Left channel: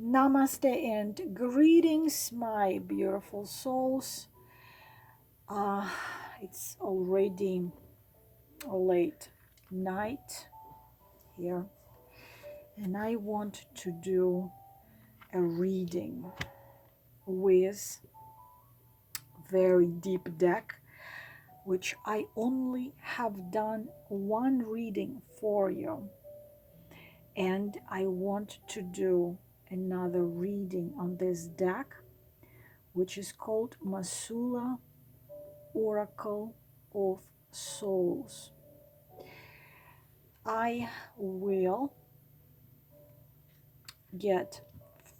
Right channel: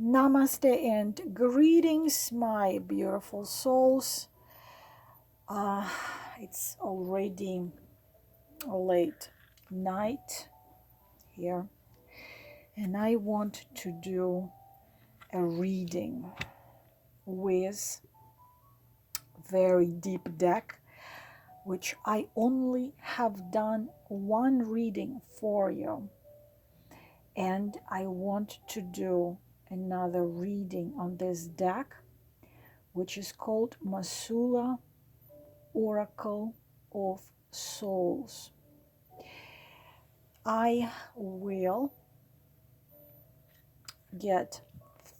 Namaste and greetings, my beautiful souls. It's already late night here, and I want to do a reading with very deep deck, which I only have done one reading for you, and I want to do another reading on this deck, which is called Mausolea Oracle of Souls. I will get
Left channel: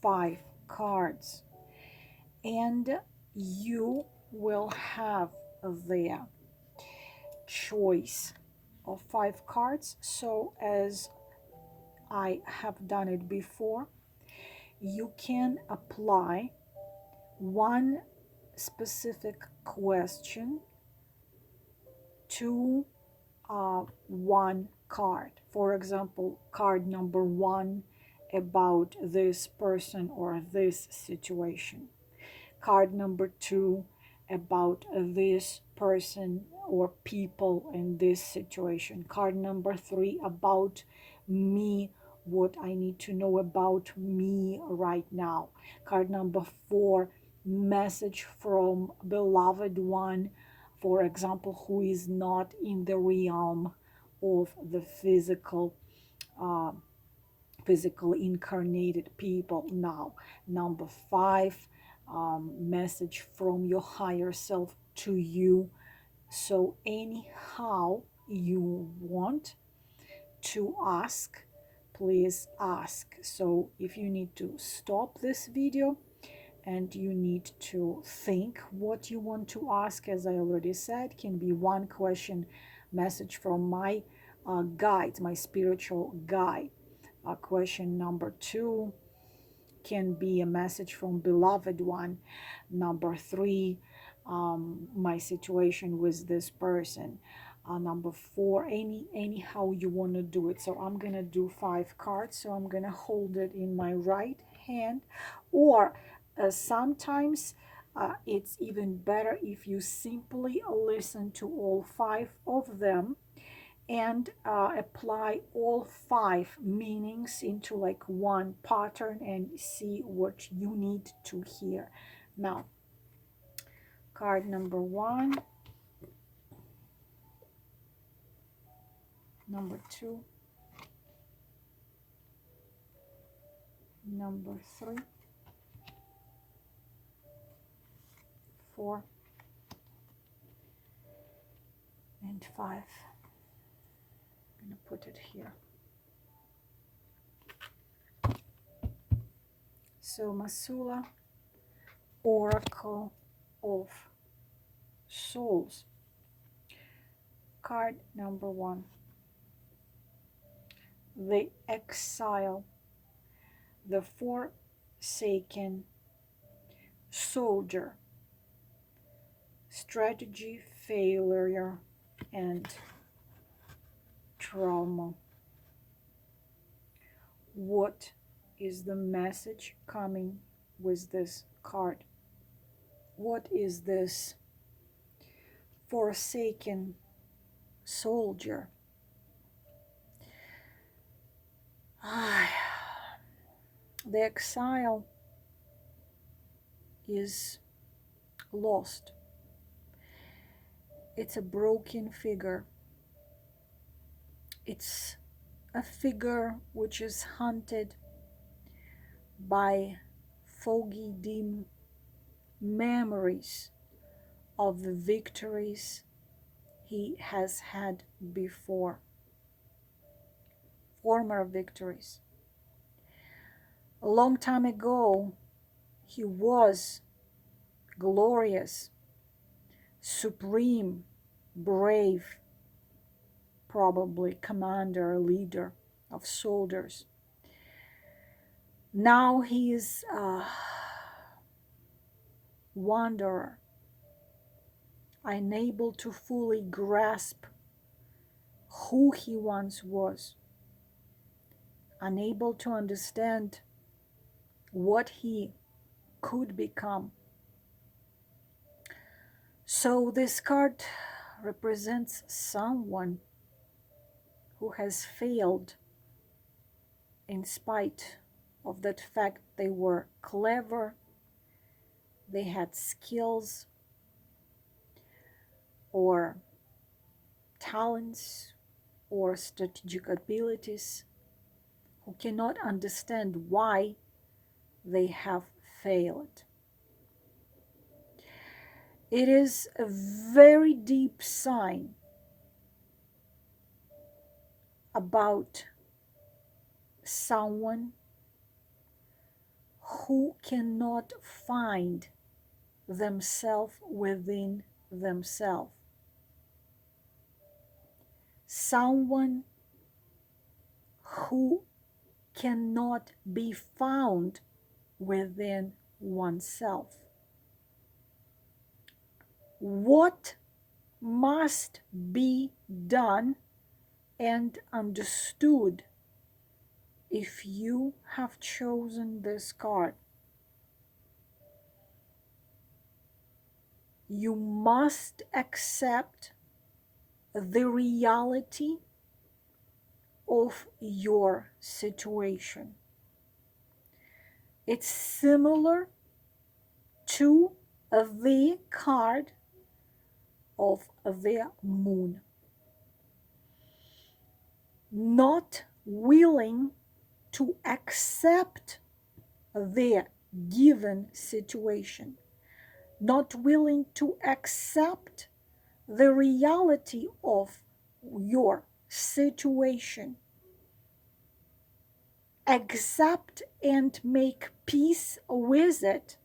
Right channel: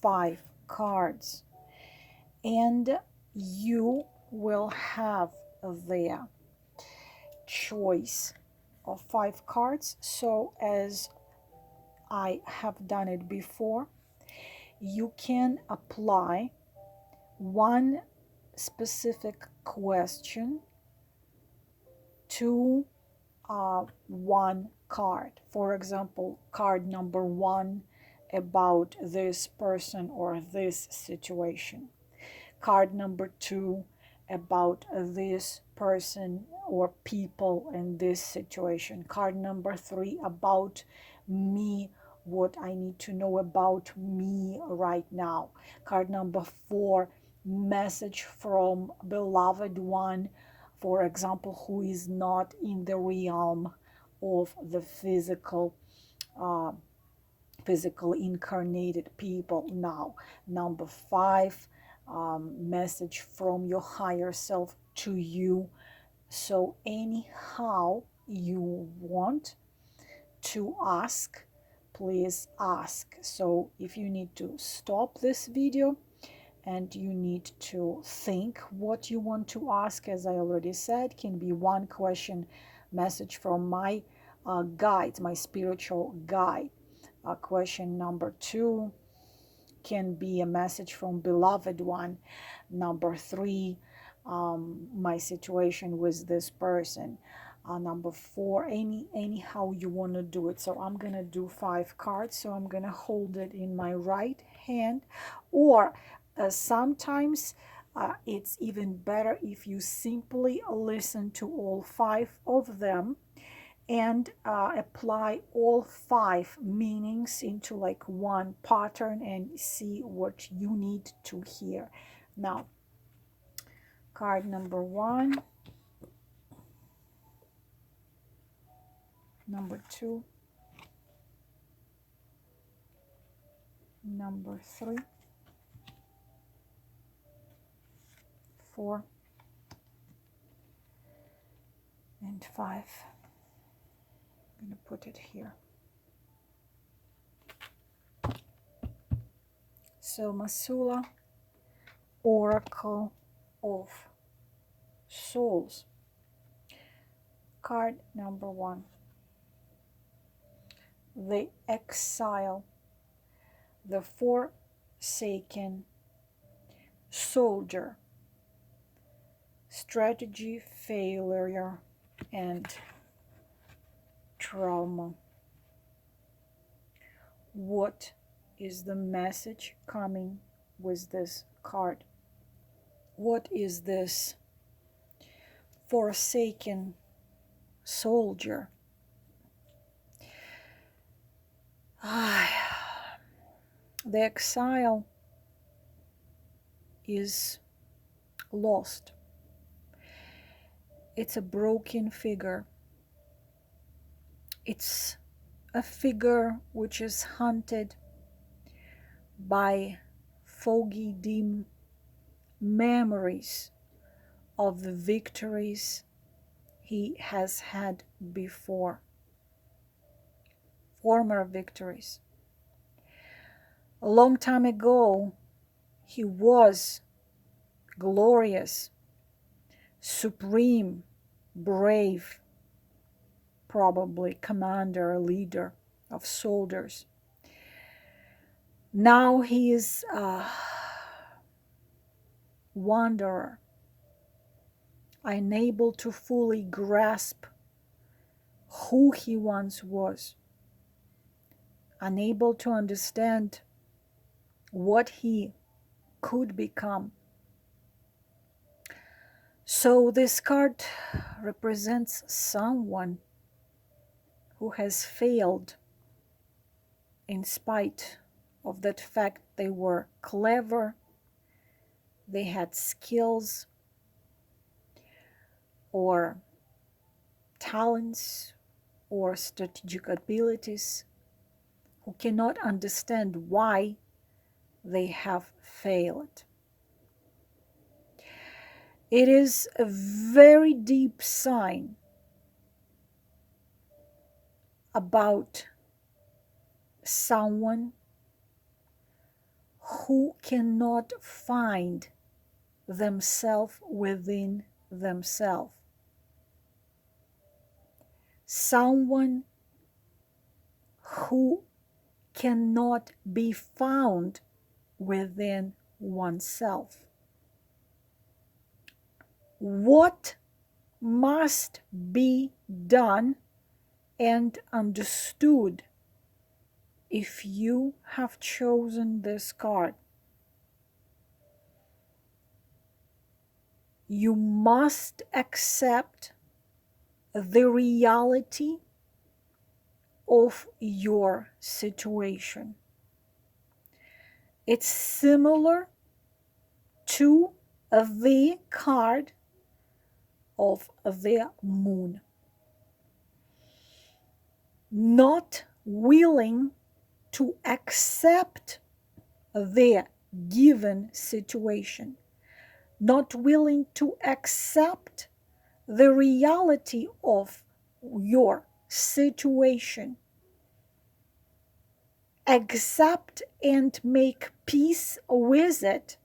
5 cards, and you will have their choice of 5 cards. So as I have done it before, you can apply one specific question to one card. For example, card number 1 about this person or this situation. Card number 2 about this person or people in this situation. Card number 3 about me, what I need to know about me right now. Card number 4, message from beloved one, for example, who is not in the realm of the physical incarnated people now. Number 5, message from your higher self to you. So anyhow you want to ask, please ask. So if you need to stop this video and you need to think what you want to ask, as I already said, can be one question, message from my guides, my spiritual guide. Question number 2 can be a message from beloved one. Number 3, my situation with this person. Number 4, anyhow you want to do it. So I'm gonna do 5 cards. So I'm gonna hold it in my right hand, or sometimes it's even better if you simply listen to all 5 of them and apply all 5 meanings into like one pattern and see what you need to hear. Now, card number 1, number 2, number 3, 4, and 5. I'm going to put it here. So Mausolea, Oracle of Souls. Card number 1. The exile, the forsaken soldier, strategy, failure, and trauma. What is the message coming with this card? What is this forsaken soldier? The exile is lost. It's a broken figure. It's a figure which is haunted by foggy, dim memories of the victories he has had before, former victories. A long time ago, he was glorious, supreme, brave, probably commander, leader of soldiers. Now he is a wanderer, unable to fully grasp who he once was, unable to understand what he could become. So this card represents someone who has failed in spite of that fact they were clever, they had skills or talents or strategic abilities, who cannot understand why they have failed. It is a very deep sign about someone who cannot find themselves within themselves. Someone who cannot be found within oneself. What must be done and understood if you have chosen this card? You must accept the reality of your situation. It's similar to the card of the moon. Not willing to accept the given situation, not willing to accept the reality of your situation, accept and make peace with it,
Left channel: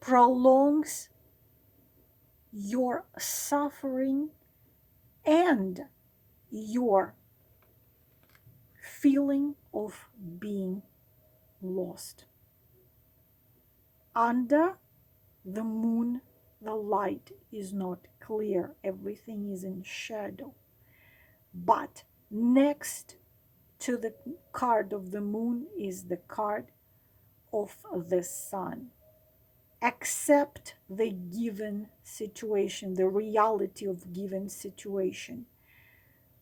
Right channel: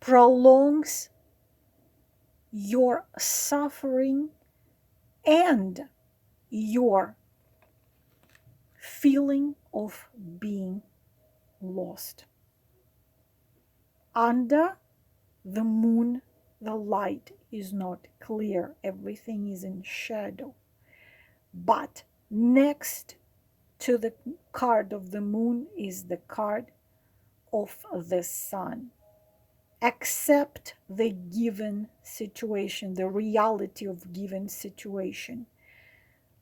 prolongs your suffering and your feeling of being lost. Under the moon, the light is not clear. Everything is in shadow. But next to the card of the moon is the card of the sun. Accept the given situation, the reality of given situation.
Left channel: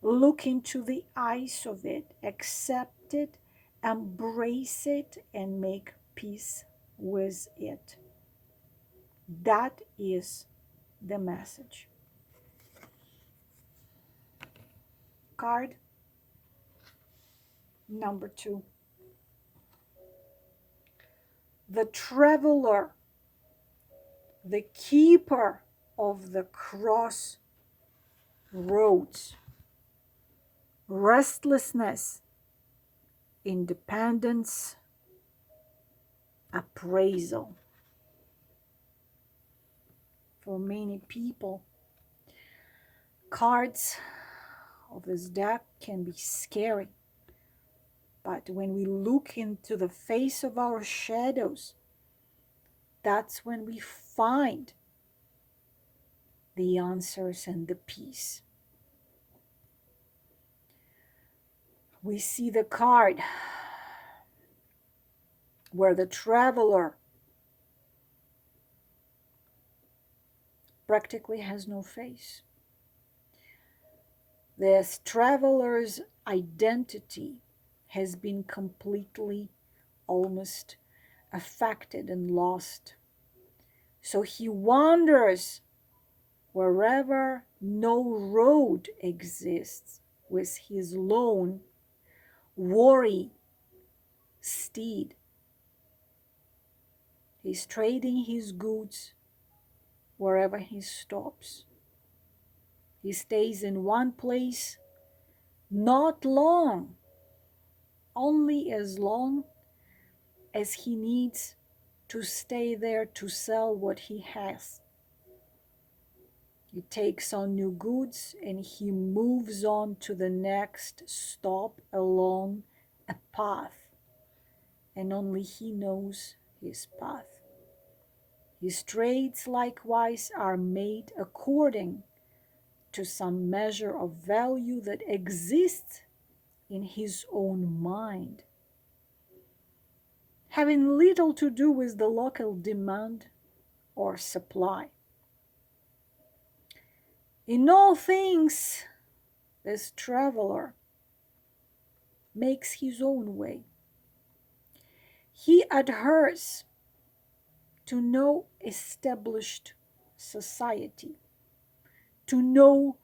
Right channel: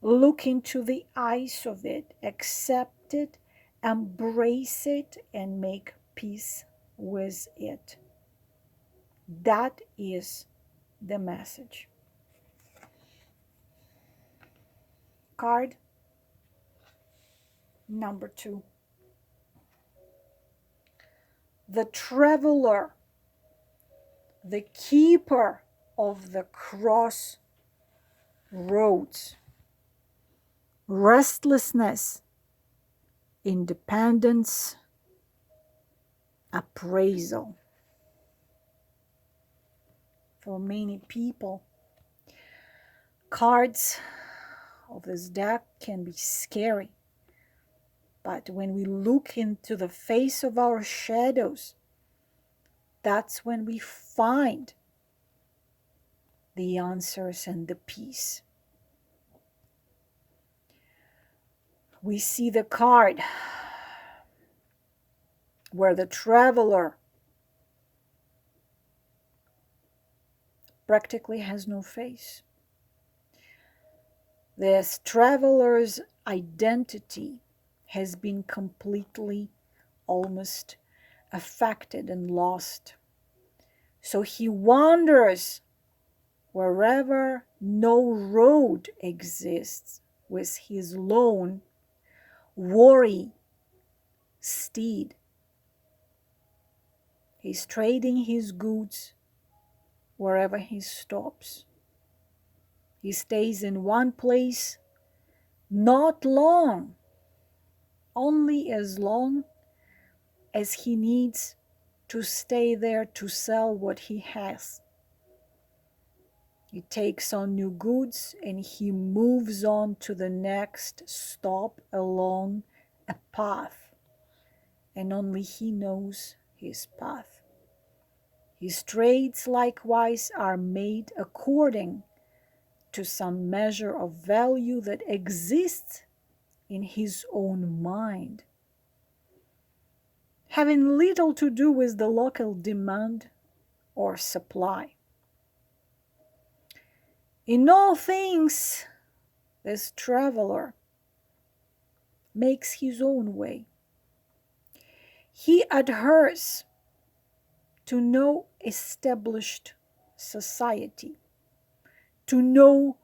Look into the eyes of it, accept it, embrace it, and make peace with it. That is the message. Card number 2. The traveler, the keeper of the crossroads. Restlessness, independence, appraisal. For many people, cards of this deck can be scary. But when we look into the face of our shadows, that's when we find the answers and the peace. We see the card where the traveler practically has no face. This traveler's identity has been completely, almost affected and lost. So he wanders wherever no road exists with his lone worry steed. He's trading his goods wherever he stops. He stays in one place not long, only as long as he needs to stay there to sell what he has. He takes on new goods and he moves on to the next stop along a path, and only he knows his path. His trades likewise are made according to some measure of value that exists in his own mind. having little to do with the local demand or supply. In all things, this traveler makes his own way. He adheres to no established society, to no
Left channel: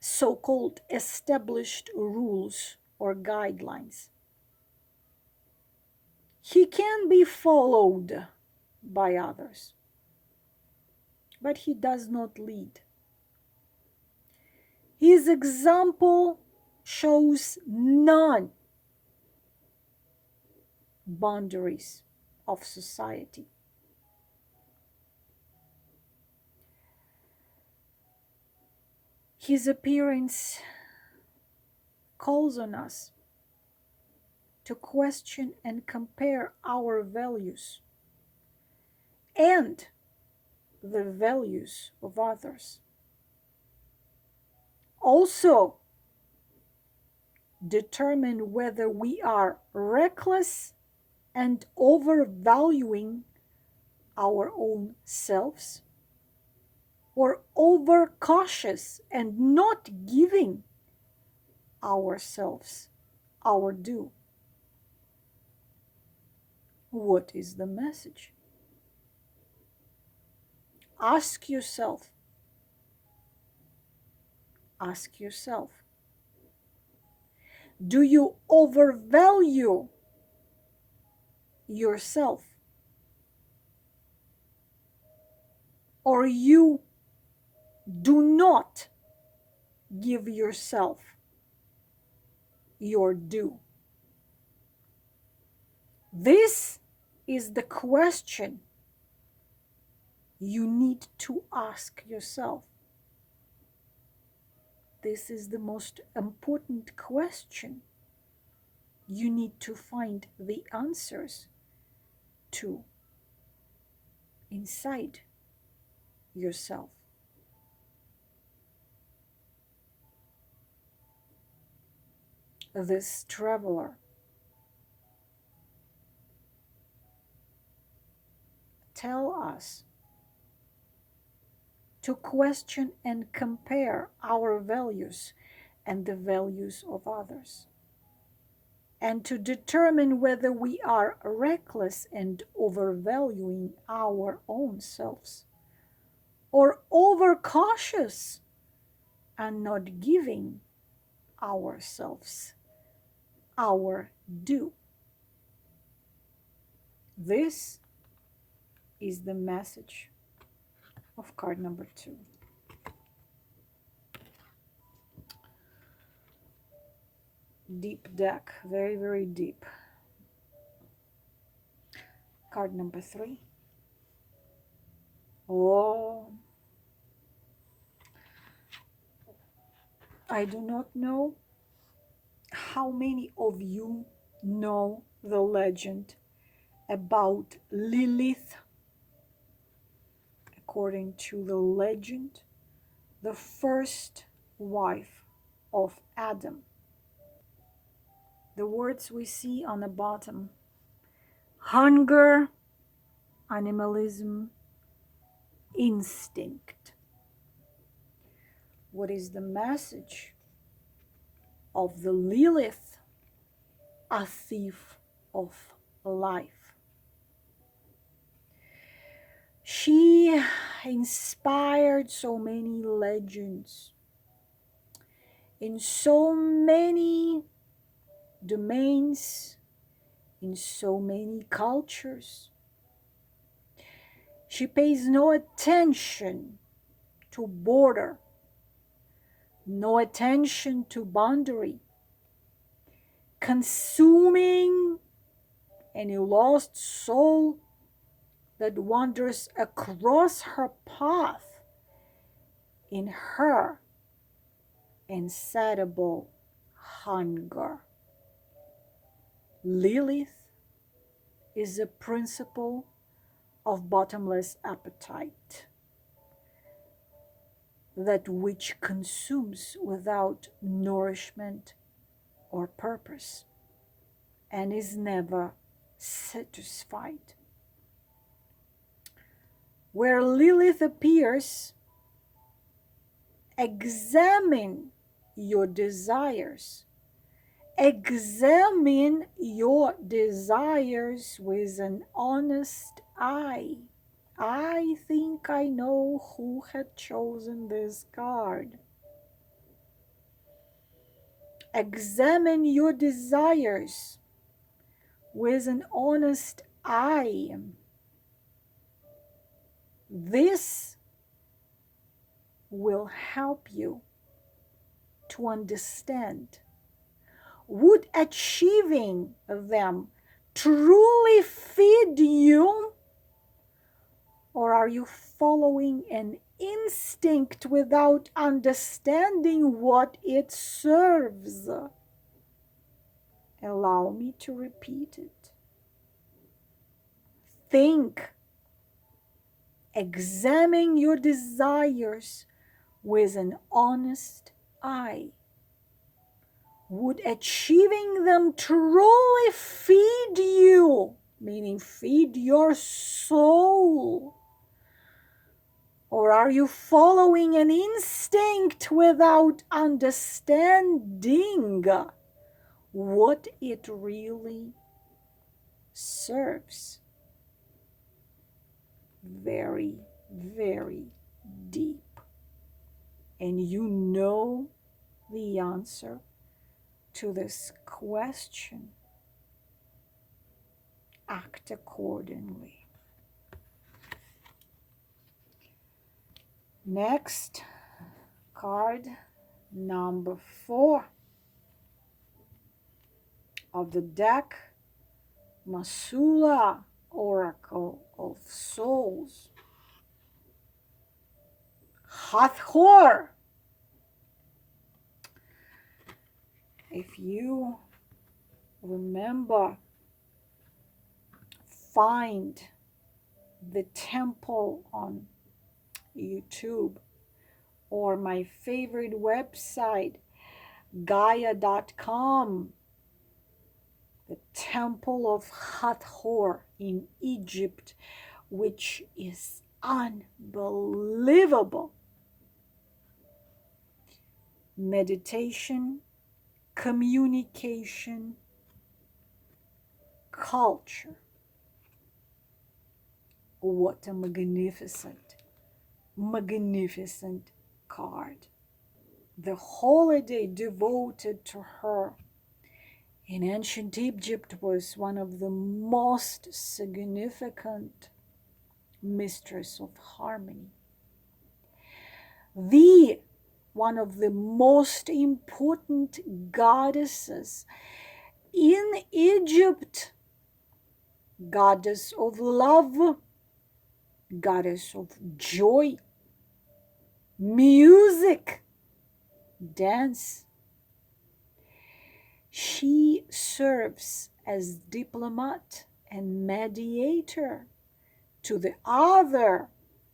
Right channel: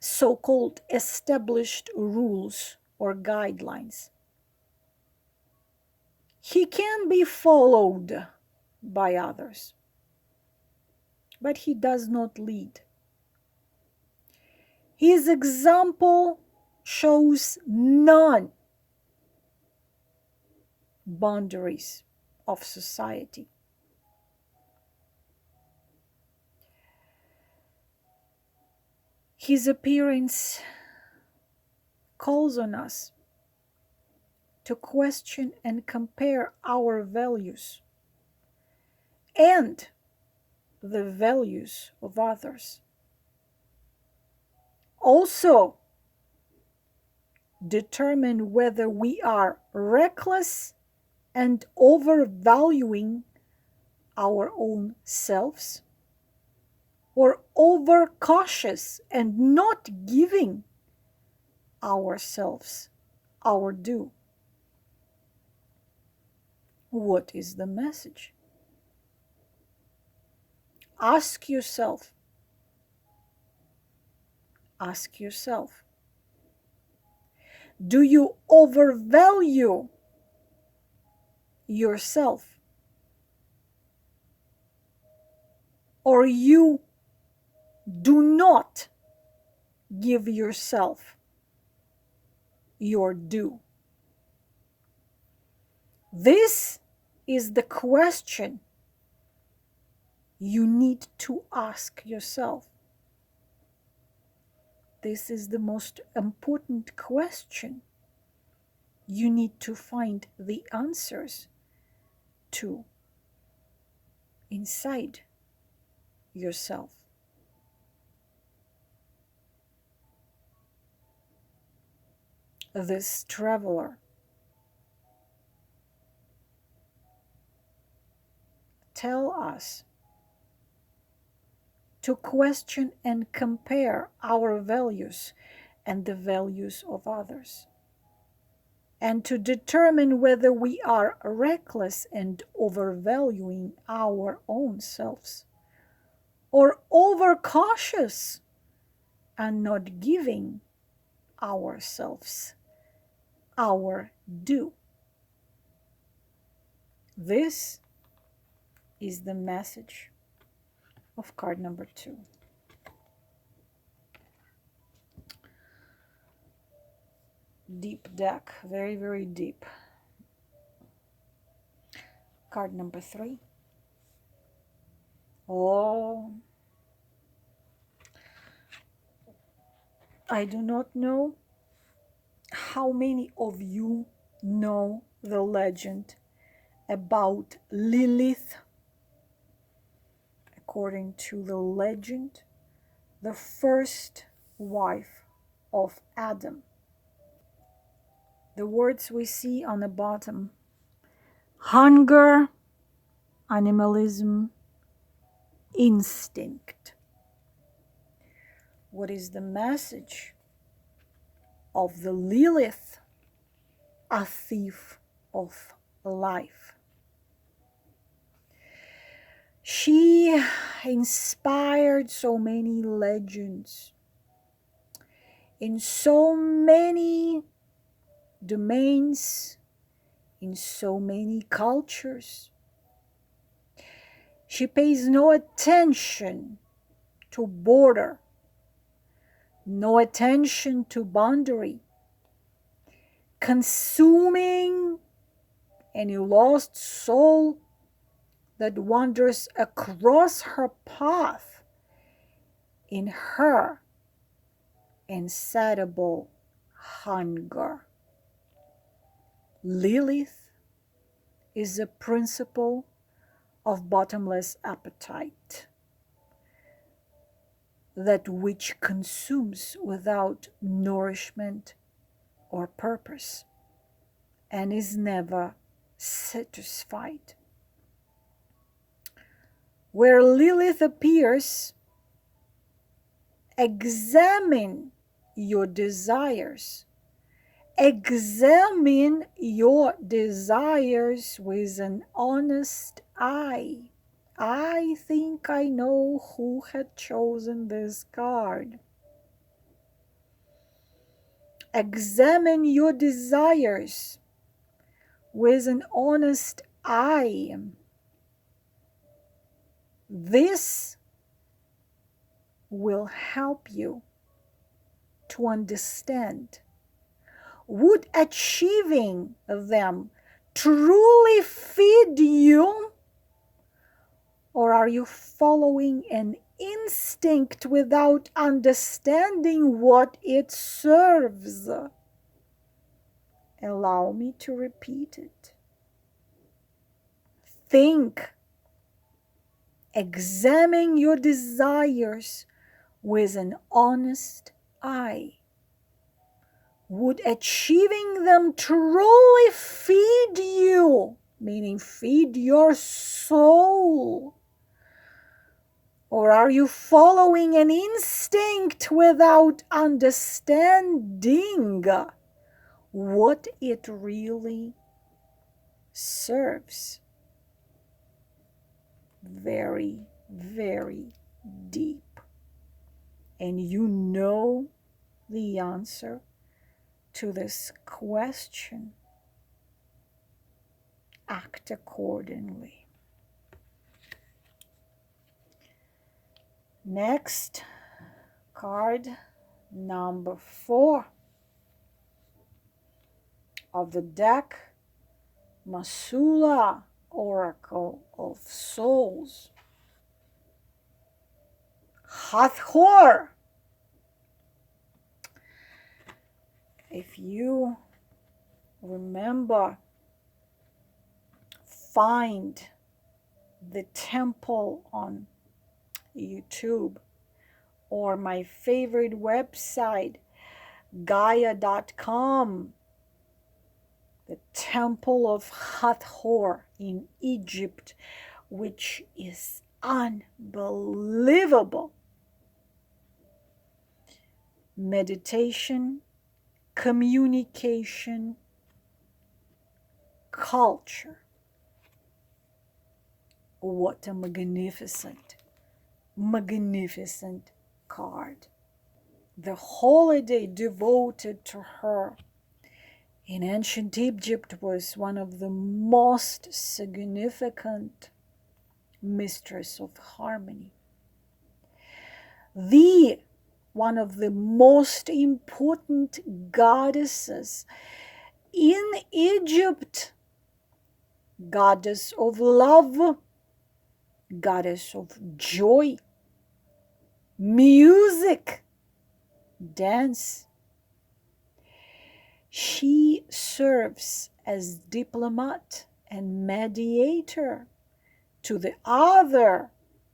so-called established rules or guidelines. He can be followed by others, but he does not lead. His example shows none boundaries of society. His appearance calls on us to question and compare our values and the values of others. Also, determine whether we are reckless and overvaluing our own selves, or overcautious and not giving ourselves our due. What is the message? Ask yourself. Ask yourself. Do you overvalue yourself? Or you do not give yourself your due? This is the question you need to ask yourself. This is the most important question you need to find the answers to inside yourself. This traveler tells us to question and compare our values and the values of others, and to determine whether we are reckless and overvaluing our own selves, or overcautious and not giving ourselves our due. This is the message of card number 2. Deep deck, very, very deep. Card number 3. Oh, I do not know how many of you know the legend about Lilith. According to the legend, the first wife of Adam. The words we see on the bottom: hunger, animalism, instinct. What is the message of the Lilith, a thief of life? She inspired so many legends in so many domains, in so many cultures. She pays no attention to border, no attention to boundary, consuming any lost soul that wanders across her path in her insatiable hunger. Lilith is a principle of bottomless appetite, that which consumes without nourishment or purpose, and is never satisfied. Where Lilith appears, examine your desires. Examine your desires with an honest eye. I think I know who had chosen this card. Examine your desires with an honest eye. This will help you to understand. Would achieving them truly feed you? Or are you following an instinct without understanding what it serves? Allow me to repeat it. Think. Examine your desires with an honest eye. Would achieving them truly feed you, meaning feed your soul? Or are you following an instinct without understanding what it really serves? Very, very deep. And you know the answer to this question. Act accordingly. Next, card number 4 of the deck, Mausolea, Oracle of Souls. Hathor. If you remember, find the temple on YouTube or my favorite website, Gaia.com, the Temple of Hathor in Egypt, which is unbelievable. Meditation, communication, culture. What a magnificent, magnificent card. The holiday devoted to her in ancient Egypt was one of the most significant mistress of harmony. One of the most important goddesses in Egypt, goddess of love, goddess of joy, music, dance. She serves as diplomat and mediator to the other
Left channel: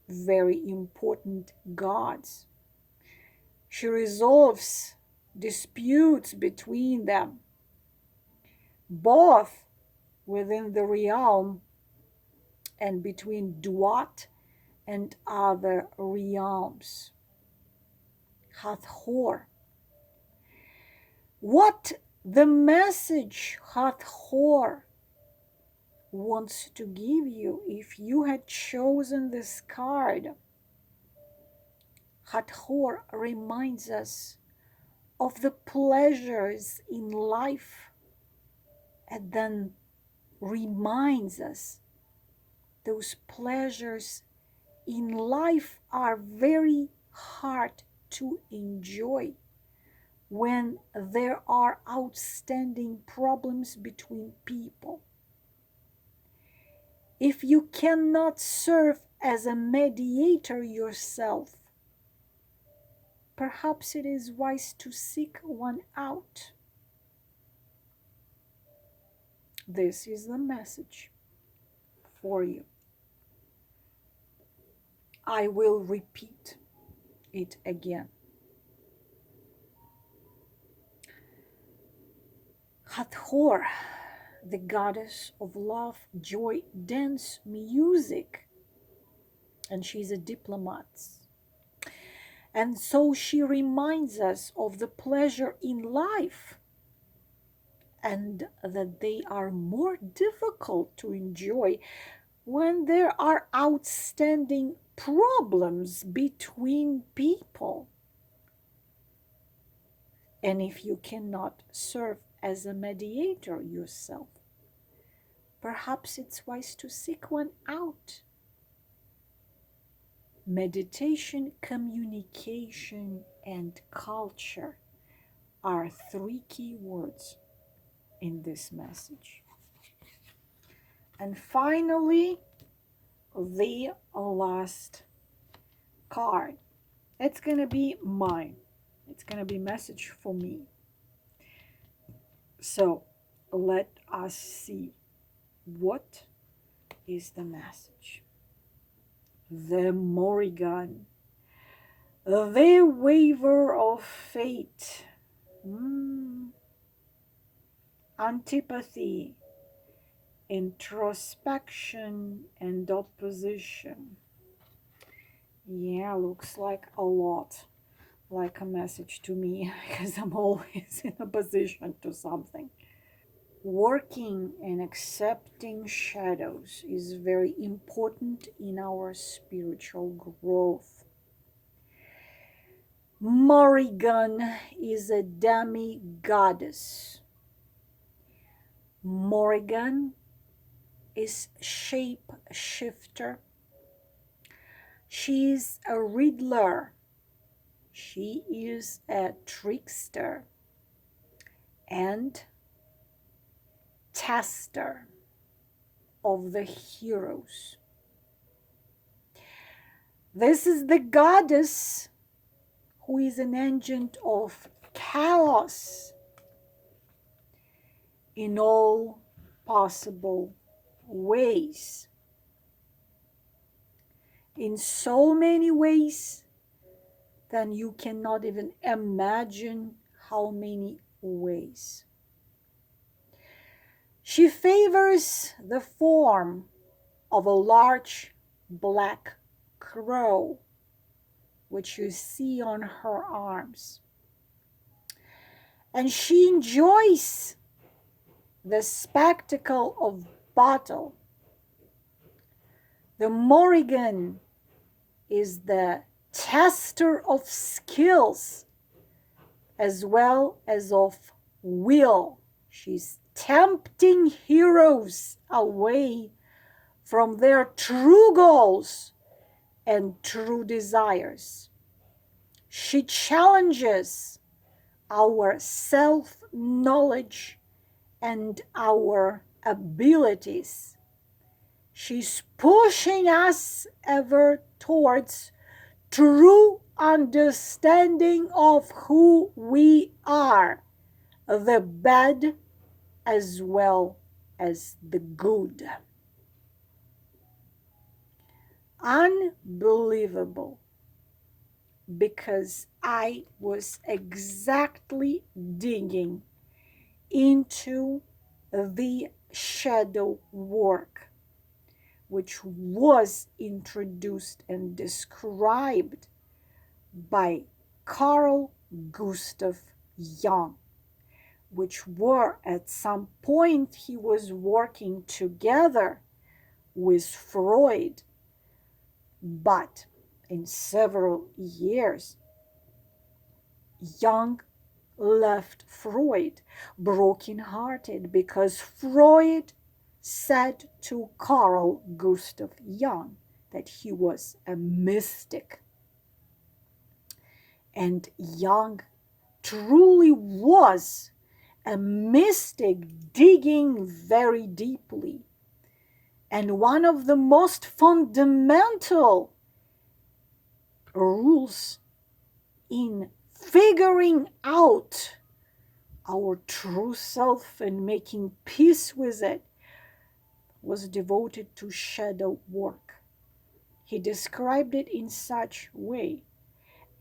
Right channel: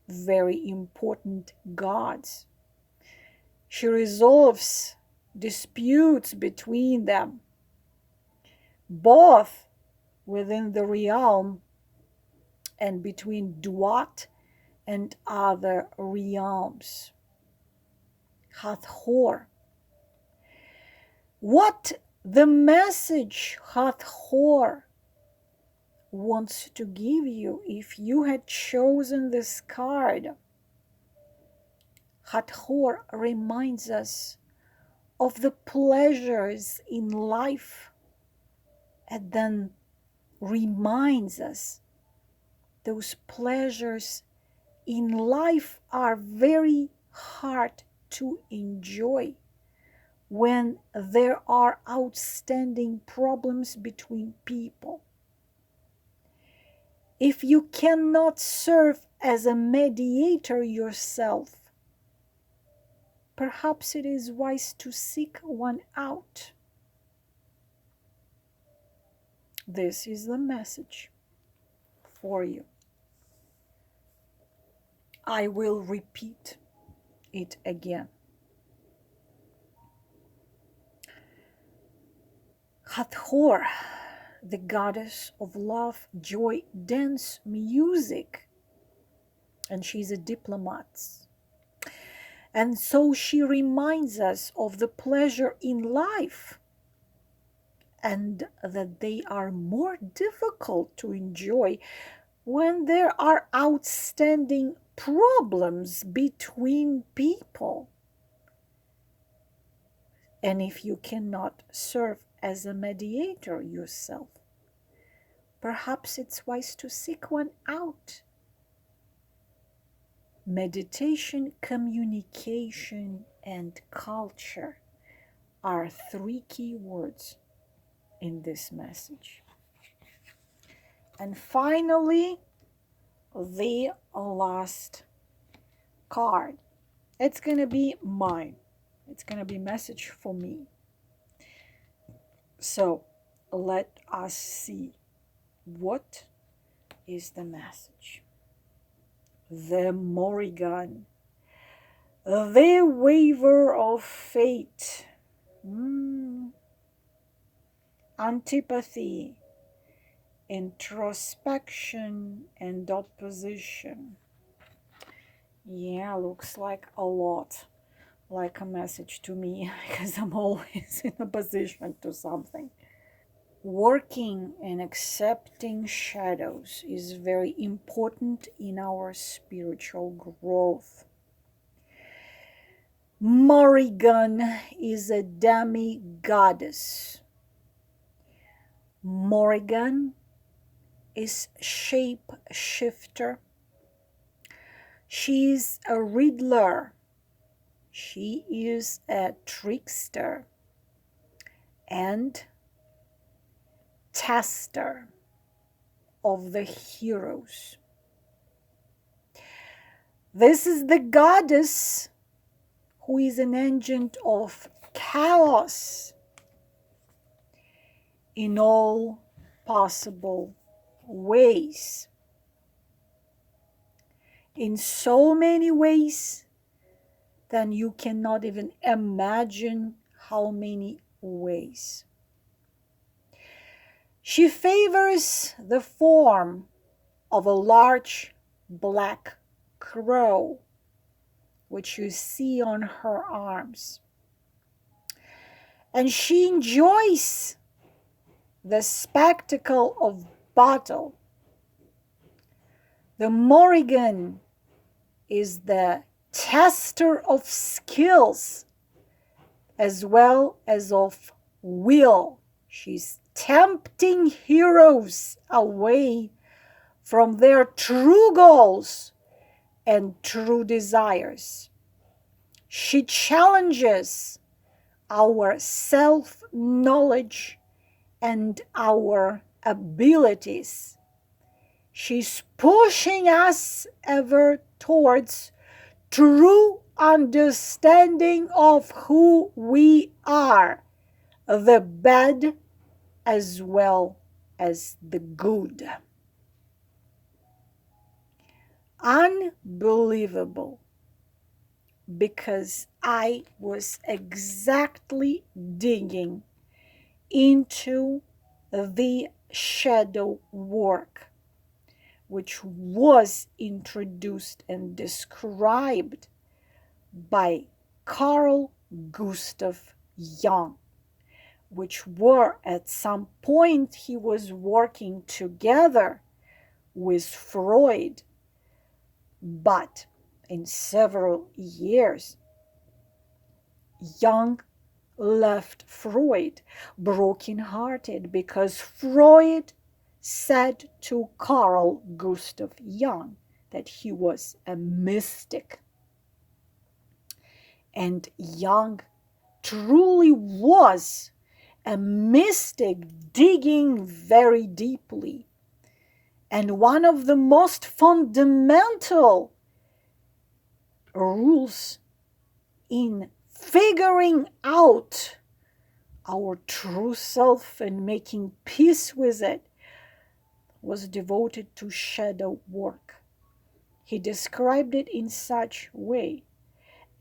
very important gods. She resolves disputes between them, both within the realm and between Duat and other realms. Hathor. What the message Hathor wants to give you if you had chosen this card? Hathor reminds us of the pleasures in life and then reminds us those pleasures in life are very hard to enjoy when there are outstanding problems between people. If you cannot serve as a mediator yourself, perhaps it is wise to seek one out. This is the message for you. I will repeat it again. Hathor the goddess of love, joy, dance, music. And she's a diplomat. And so she reminds us of the pleasure in life and that they are more difficult to enjoy when there are outstanding problems between people. And if you cannot serve as a mediator yourself, perhaps it's wise to seek one out. Meditation, communication, and culture are 3 key words in this message. And finally, the last card. It's going to be mine. It's going to be a message for me. So let us see, what is the message? The Morrigan, the waver of fate, antipathy, introspection, and opposition. Yeah, looks like a lot like a message to me, because I'm always in opposition to something. Working and accepting shadows is very important in our spiritual growth. Morrigan is a demi-goddess. Morrigan is shape-shifter. She is a riddler. She is a trickster and tester of the heroes. This is the goddess who is an agent of chaos in all possible ways. In so many ways that you cannot even imagine how many ways. She favors the form of a large black crow, which you see on her arms. And she enjoys the spectacle of battle. The Morrigan is the tester of skills as well as of will. She's tempting heroes away from their true goals and true desires. She challenges our self-knowledge and our abilities. She's pushing us ever towards true understanding of who we are, the bad as well as the good. Unbelievable, because I was exactly digging into the shadow work, which was introduced and described by Carl Gustav Jung, which were at some point he was working together with Freud, but in several years, Jung left Freud broken-hearted because Freud said to Carl Gustav Jung that he was a mystic. And Jung truly was a mystic, digging very deeply. And one of the most fundamental rules in figuring out our true self and making peace with it was devoted to shadow work. He described it in such a way.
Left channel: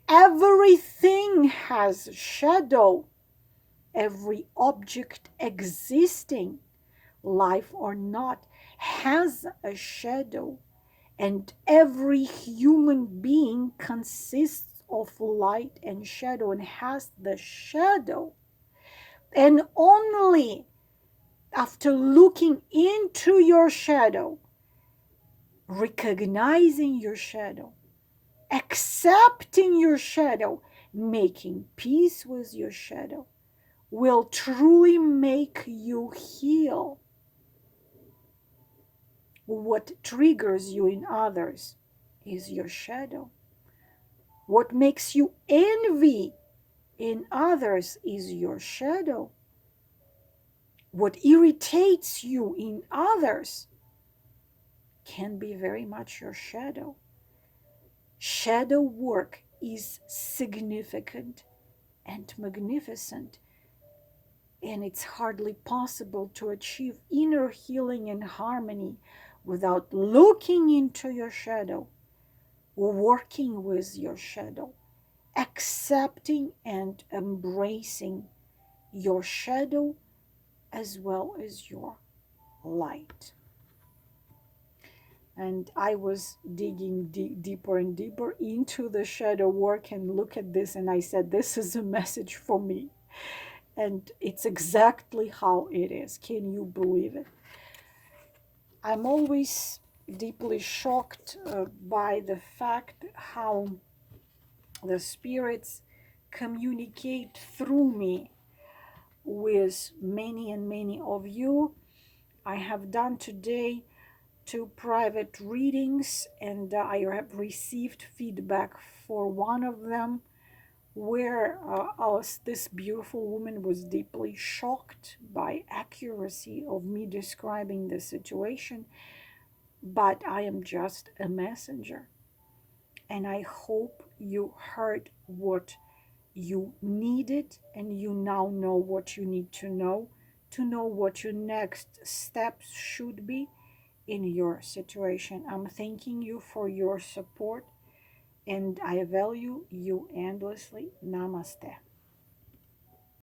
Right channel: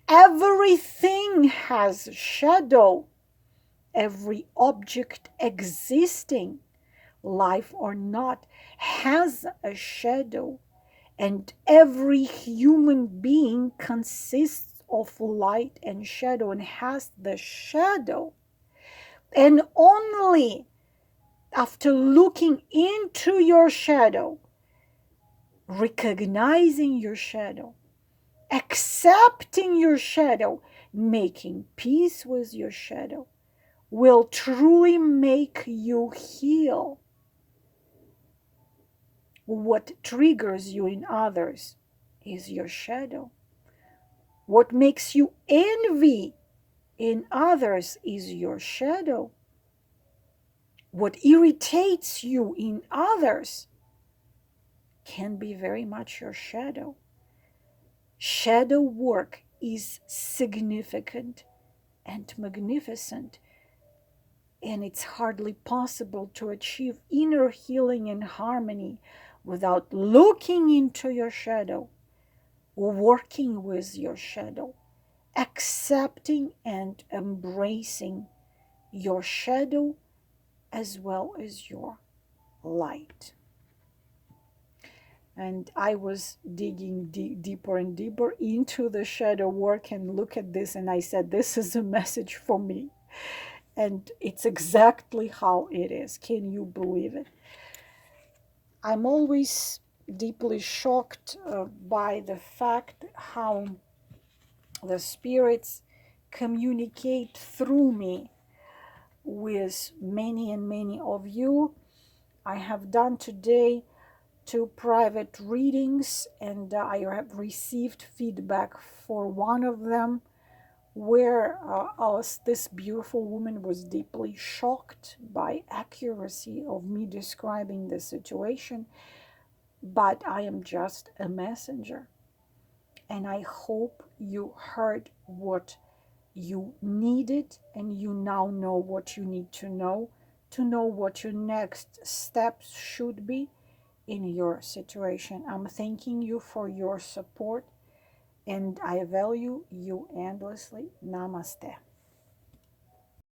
Everything has shadow. Every object existing life or not, has a shadow. And every human being consists of light and shadow and has the shadow. And only after looking into your shadow, recognizing your shadow, accepting your shadow, making peace with your shadow, will truly make you heal. What triggers you in others is your shadow. What makes you envy in others is your shadow. What irritates you in others can be very much your shadow. Shadow work is significant and magnificent, and it's hardly possible to achieve inner healing and harmony without looking into your shadow, working with your shadow, accepting and embracing your shadow as well as your light. And I was digging deeper and deeper into the shadow work and look at this, and I said, this is a message for me. And it's exactly how it is. Can you believe it? I'm always deeply shocked by the fact how the spirits communicate through me with many and many of you. I have done today 2 private readings, and I have received feedback for one of them where this beautiful woman was deeply shocked by accuracy of me describing the situation, but I am just a messenger, and I hope you heard what you needed, and you now know what you need to know what your next steps should be in your situation. I'm thanking you for your support, and I value you endlessly. Namaste.